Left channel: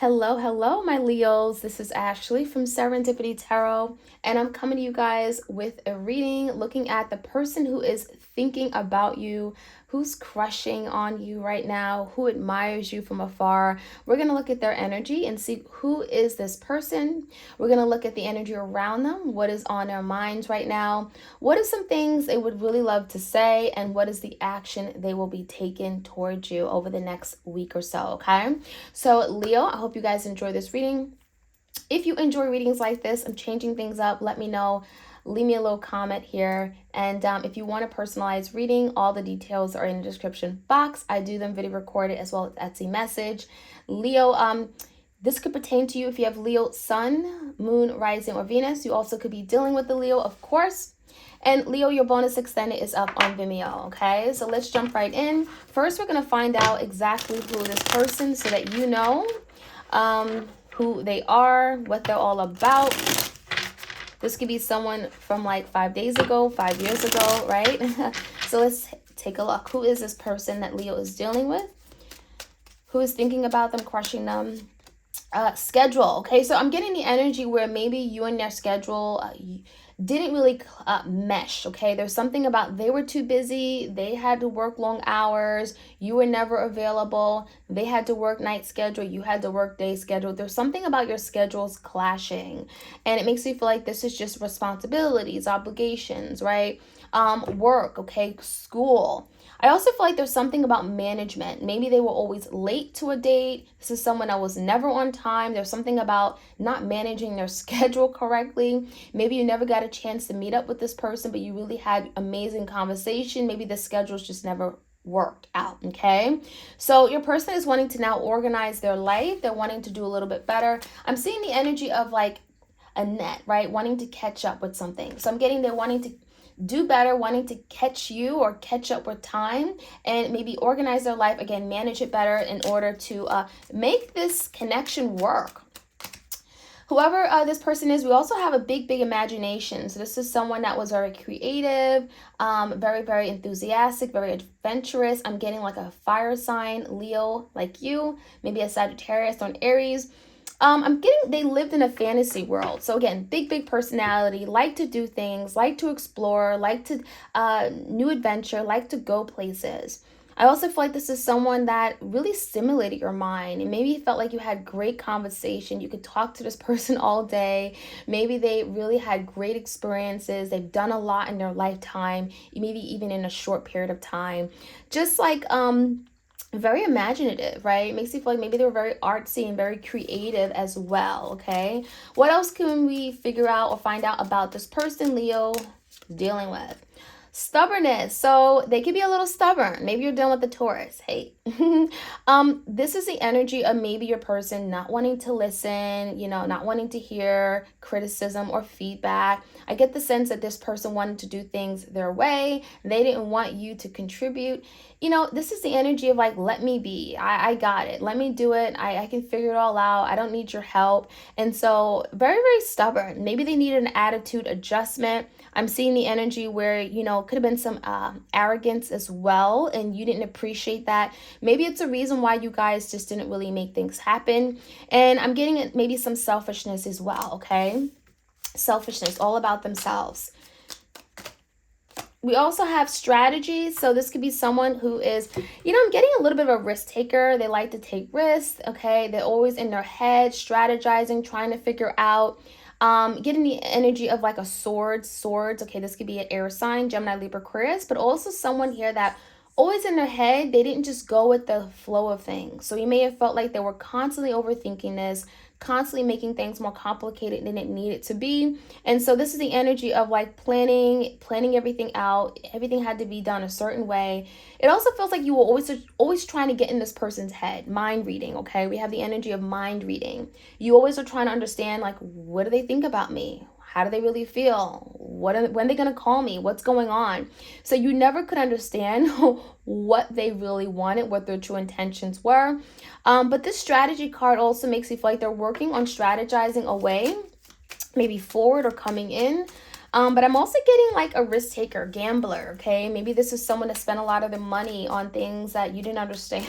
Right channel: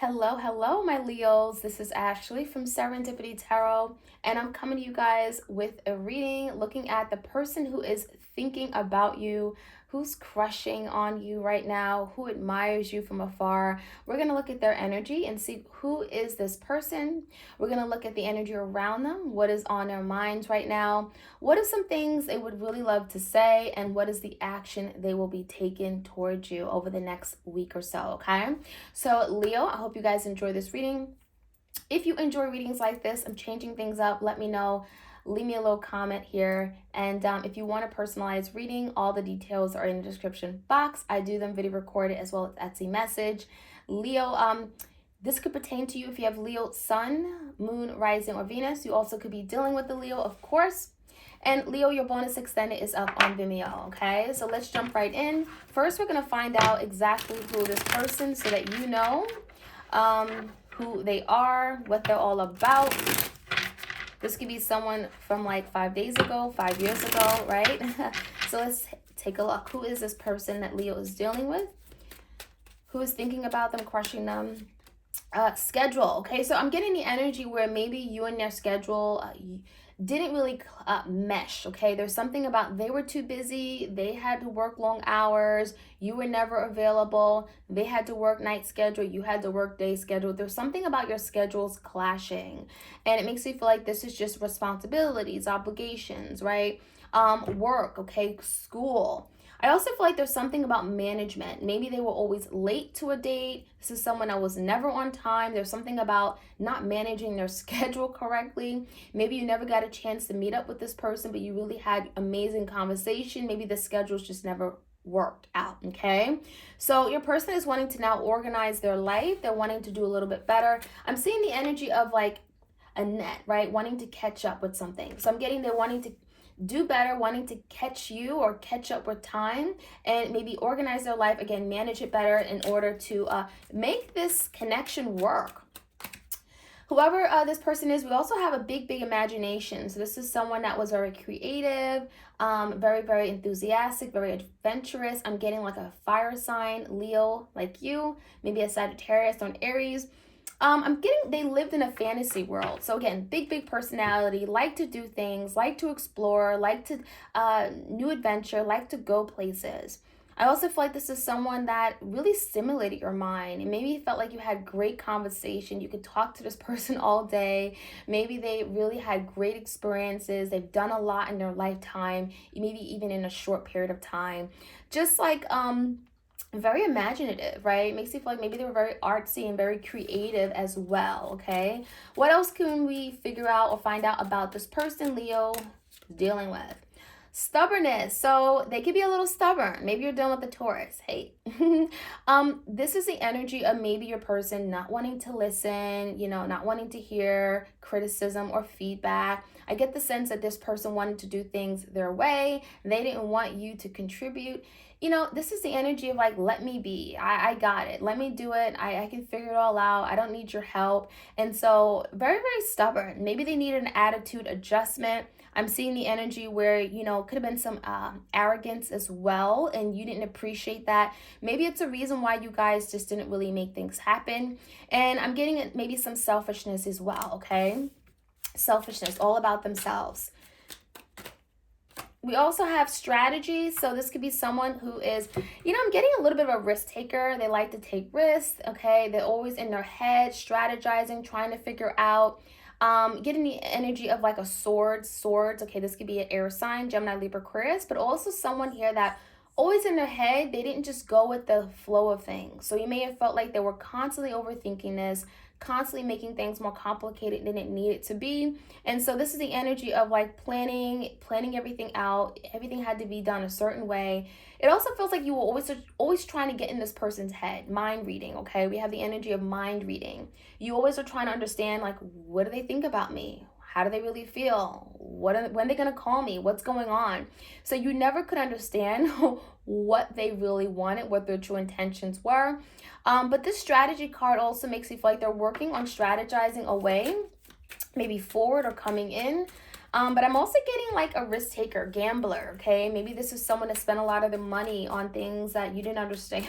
Hello, my Leos. This is Ashley from Serendipity Tarot, and I'm coming to you guys with a reading looking at the person who is thinking about you, who's crushing on you right now, who admires you from afar. We're going to look at their energy and see who is this person. We're going to look at the energy around them, what is on their minds right now, what are some things they would really love to say, and what is the action they will be taking towards you over the next week or so, okay? So, Leo, I hope you guys enjoy this reading. If you enjoy readings like this, I'm changing things up. Let me know. Leave me a little comment here. And if you want a personalized reading, all the details are in the description box. I do them video recorded as well as Etsy message. Leo, this could pertain to you if you have Leo Sun, Moon, Rising, or Venus. You also could be dealing with the Leo, of course. And Leo, your bonus extended is up on Vimeo, okay? So let's jump right in. First, we're going to find out exactly who this person so that you know who they are, what they're all about. This could be someone from like 5 days ago, 5 years ago, right? So let's take a look. Who is this person that Leo is dealing with? Who is thinking about them, crushing them? Schedule, okay? So I'm getting the energy where maybe you and their schedule didn't really mesh, okay? There's something about they were too busy, they had to work long hours, you were never available, they had to work night schedule, you had to work day schedule. There's something about your schedules clashing, and it makes you feel like this is just responsibilities, obligations, right? Work, okay, school. I also feel like there's something about management. Maybe they were always late to a date. This is someone that was never on time. There's something about not managing their schedule correctly. Maybe you never got a chance to meet up with this person, but you really had amazing conversation. Maybe the schedules just never worked out, okay? So your person is wanting to now organize their life. They're wanting to do a little bit better. I'm seeing the energy of like a net, right? Wanting to catch up with something. So I'm getting they're wanting to do better, wanting to catch you or catch up with time and maybe organize their life, again, manage it better in order to make this connection work. Whoever this person is, we also have a big imagination. So this is someone that was very creative, very enthusiastic, very adventurous. I'm getting like a fire sign, Leo, like you, maybe a Sagittarius or an Aries. I'm getting they lived in a fantasy world. So again, big personality, like to do things, like to explore, like to new adventure, like to go places. I also feel like this is someone that really stimulated your mind, and maybe you felt like you had great conversation. You could talk to this person all day. Maybe they really had great experiences. They've done a lot in their lifetime, maybe even in a short period of time. Just like very imaginative, right? It makes you feel like maybe they were very artsy and very creative as well, okay? What else can we figure out or find out about this person Leo is dealing with? Stubbornness. So they could be a little stubborn. Maybe you're dealing with the Taurus. Hey. This is the energy of maybe your person not wanting to listen, not wanting to hear criticism or feedback. I get the sense that this person wanted to do things their way. They didn't want you to contribute. This is the energy of like, let me be. I got it. Let me do it. I can figure it all out. I don't need your help. And so very stubborn. Maybe they need an attitude adjustment. I'm seeing the energy where, could have been some arrogance as well, and you didn't appreciate that. Maybe it's a reason why you guys just didn't really make things happen. And I'm getting maybe some selfishness as well, okay? Selfishness, all about themselves. We also have strategies. So this could be someone who is, I'm getting a little bit of a risk taker. They like to take risks, okay? They're always in their head, strategizing, trying to figure out. Getting the energy of like a swords. Okay, this could be an air sign, Gemini, Libra, Aquarius, but also someone here that always in their head, they didn't just go with the flow of things. So you may have felt like they were constantly overthinking this, constantly making things more complicated than it needed to be. And so this is the energy of like planning everything out. Everything had to be done a certain way. It also feels like you were always trying to get in this person's head. Mind reading, okay? We have the energy of mind reading. You always are trying to understand, like, what do they think about me? How do they really feel? When are they going to call me? What's going on? So you never could understand what they really wanted, what their true intentions were. But this strategy card also makes you feel like they're working on strategizing a way, maybe forward or coming in. But I'm also getting like a risk taker, gambler, okay? Maybe this is someone that spent a lot of their money on things that you didn't understand.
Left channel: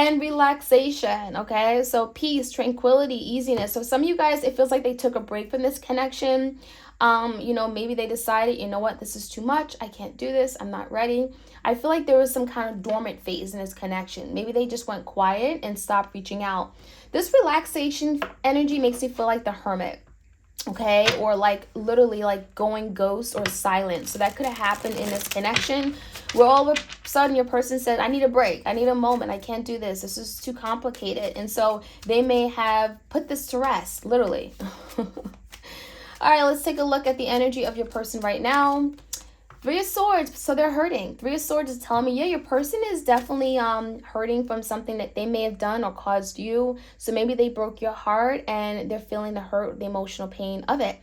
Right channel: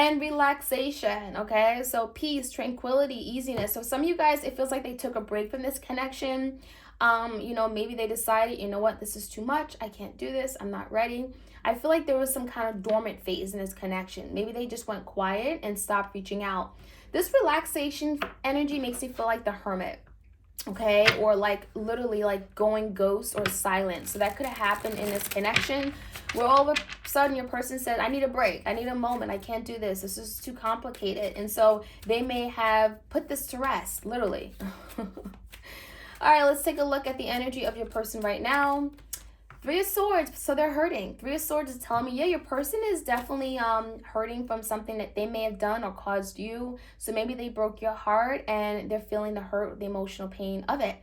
and relaxation. Okay, so peace, tranquility, easiness. So some of you guys, it feels like they took a break from this connection. Maybe they decided, you know what, this is too much, I can't do this, I'm not ready. I feel like there was some kind of dormant phase in this connection. Maybe they just went quiet and stopped reaching out. This relaxation energy makes me feel like the hermit, okay, or like literally like going ghost or silent. So that could have happened in this connection where all of a sudden your person said, I need a break, I need a moment, I can't do this is too complicated. And so they may have put this to rest, literally. All right, let's take a look at the energy of your person right now. Three of Swords, so they're hurting. Three of Swords is telling me, yeah, your person is definitely hurting from something that they may have done or caused you. So maybe they broke your heart and they're feeling the hurt, the emotional pain of it.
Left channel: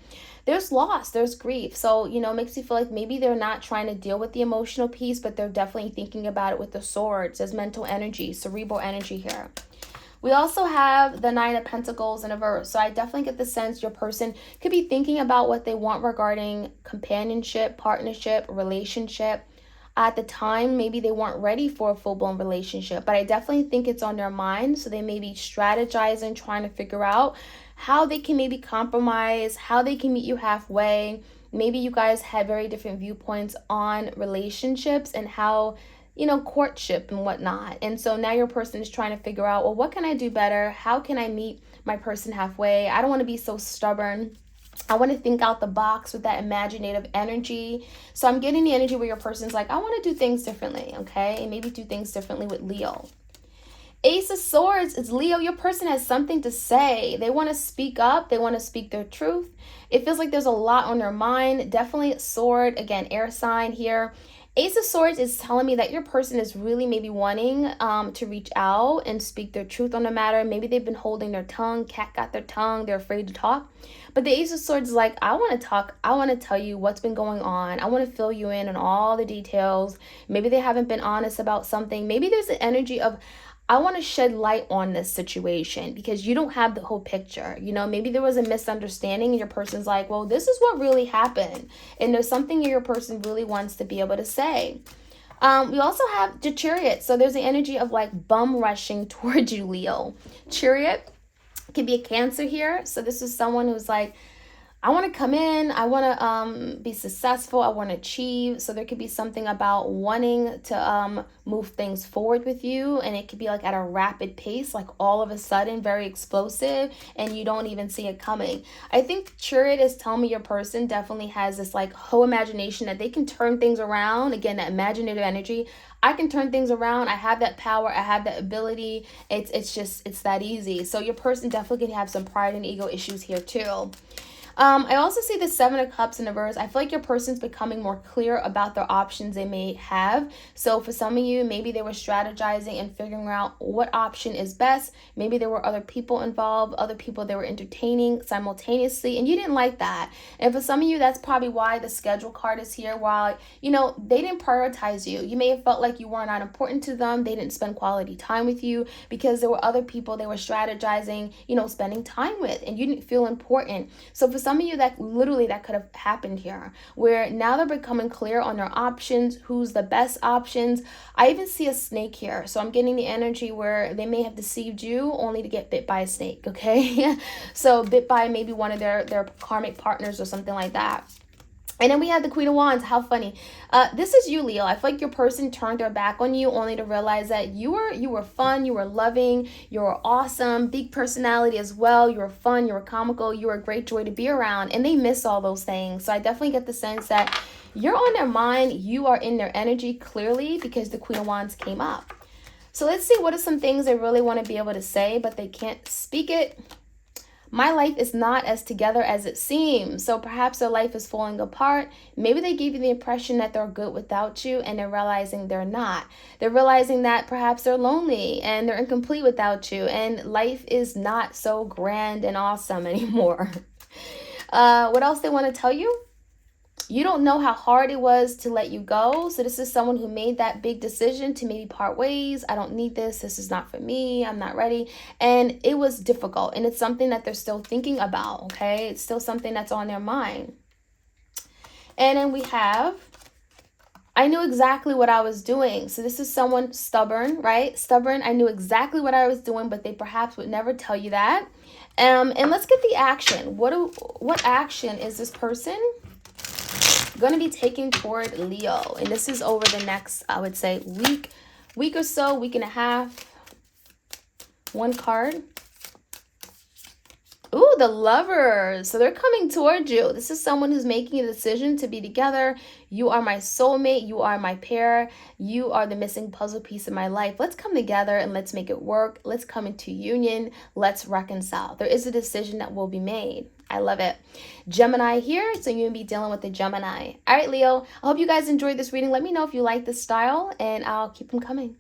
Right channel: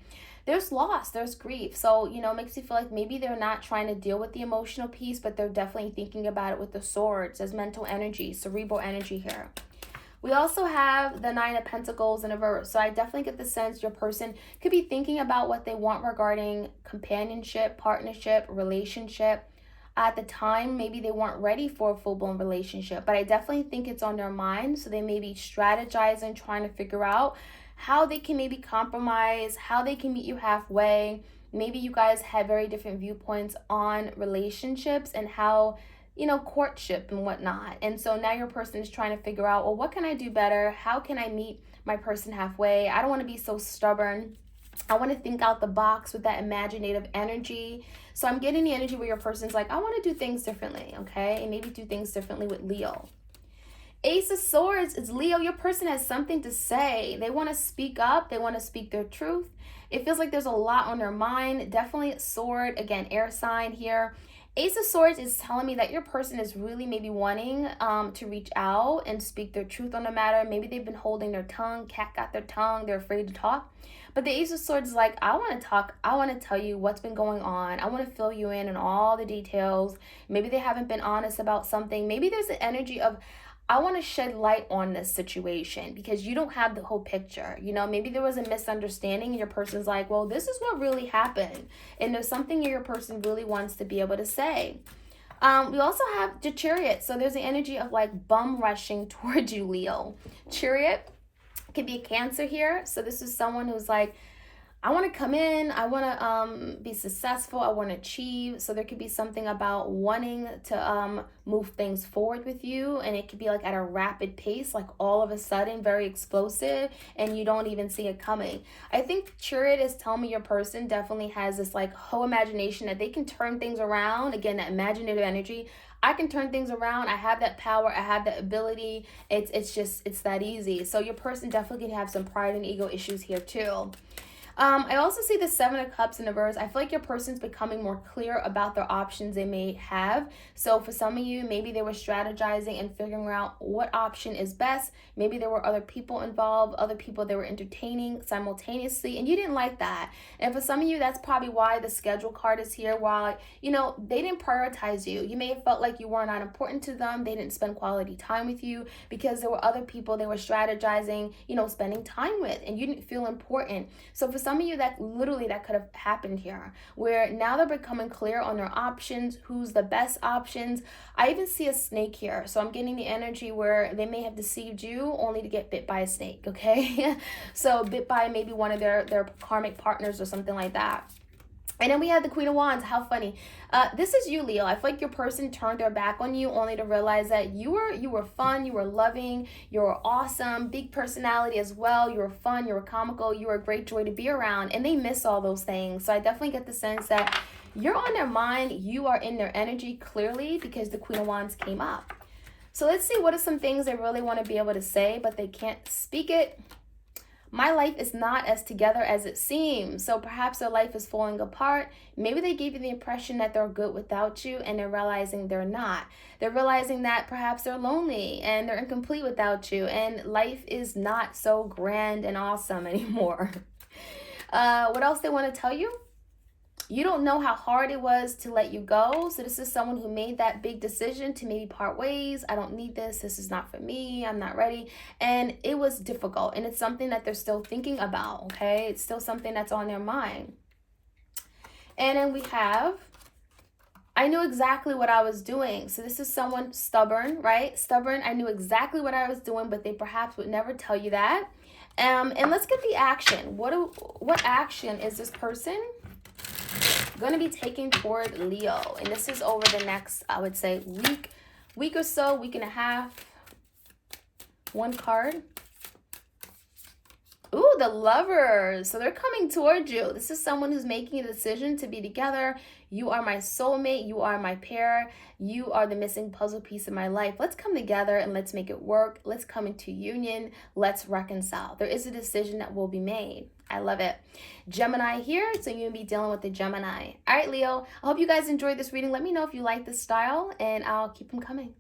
There's loss, there's grief. So, it makes you feel like maybe they're not trying to deal with the emotional piece, but they're definitely thinking about it with the swords as mental energy, cerebral energy here. We also have the Nine of Pentacles in reverse. So I definitely get the sense your person could be thinking about what they want regarding companionship, partnership, relationship. At the time, maybe they weren't ready for a full-blown relationship, but I definitely think it's on their mind. So they may be strategizing, trying to figure out how they can maybe compromise, how they can meet you halfway. Maybe you guys have very different viewpoints on relationships and how courtship and whatnot. And so now your person is trying to figure out, well, what can I do better? How can I meet my person halfway? I don't want to be so stubborn. I want to think out the box with that imaginative energy. So I'm getting the energy where your person's like, I want to do things differently, okay? And maybe do things differently with Leo. Ace of Swords is Leo. Your person has something to say. They want to speak up. They want to speak their truth. It feels like there's a lot on their mind. Definitely sword. Again, air sign here. Ace of Swords is telling me that your person is really maybe wanting to reach out and speak their truth on the matter. Maybe they've been holding their tongue. Cat got their tongue. They're afraid to talk. But the Ace of Swords is like, I want to talk. I want to tell you what's been going on. I want to fill you in on all the details. Maybe they haven't been honest about something. Maybe there's an energy of, I want to shed light on this situation because you don't have the whole picture. Maybe there was a misunderstanding and your person's like, well, this is what really happened. And there's something your person really wants to be able to say. We also have the Chariot. So there's the energy of like bum rushing towards you, Leo. Chariot could be a Cancer here. So this is someone who's like, I want to come in, I want to be successful, I want to achieve. So there could be something about wanting to move things forward with you, and it could be like at a rapid pace, like all of a sudden, very explosive, and you don't even see it coming. I think Chariot is telling me your person definitely has this like whole imagination that they can turn things around. Again, that imaginative energy. I can turn things around. I have that power. I have that ability. It's that easy. So your person definitely can have some pride and ego issues here too. I also see the Seven of Cups in reverse. I feel like your person's becoming more clear about their options they may have. So for some of you, maybe they were strategizing and figuring out what option is best. Maybe there were other people involved, other people they were entertaining simultaneously, and you didn't like that. And for some of you, that's probably why the schedule card is here. While, they didn't prioritize you. You may have felt like you were not important to them. They didn't spend quality time with you because there were other people they were strategizing, spending time with, and you didn't feel important. So for some of you, that could have happened here, where now they're becoming clear on their options, who's the best options. I even see a snake here. So I'm getting the energy where they may have deceived you only to get bit by a snake, okay? So bit by maybe one of their karmic partners or something like that. And then we have the Queen of Wands. How funny. This is you, Leo. I feel like your person turned their back on you only to realize that you were fun, you were loving, you were awesome, big personality as well. You were fun, you were comical, you were a great joy to be around. And they miss all those things. So I definitely get the sense that you're on their mind. You are in their energy clearly because the Queen of Wands came up. So let's see what are some things they really want to be able to say, but they can't speak it. My life is not as together as it seems. So perhaps their life is falling apart. Maybe they gave you the impression that they're good without you, and they're realizing they're not. They're realizing that perhaps they're lonely and they're incomplete without you, and life is not so grand and awesome anymore. What else they want to tell you? You don't know how hard it was to let you go. So this is someone who made that big decision to maybe part ways. I don't need this. This is not for me. I'm not ready. And it was difficult. And it's something that they're still thinking about, okay? It's still something that's on their mind. And then we have I knew exactly what I was doing. So this is someone stubborn, right? Stubborn. I knew exactly what I was doing, but they perhaps would never tell you that. And let's get the action. What action is this person going to be taking toward Leo? And this is over the next, I would say, week or so, week and a half. One card. Ooh, the Lovers. So they're coming towards you. This is someone who's making a decision to be together. You are my soulmate. You are my pair. You are the missing puzzle piece in my life. Let's come together and let's make it work. Let's come into union. Let's reconcile. There is a decision that will be made. I love it. Gemini here. So you're going to be dealing with the Gemini. All right, Leo. I hope you guys enjoyed this reading. Let me know if you like this style and I'll keep them coming.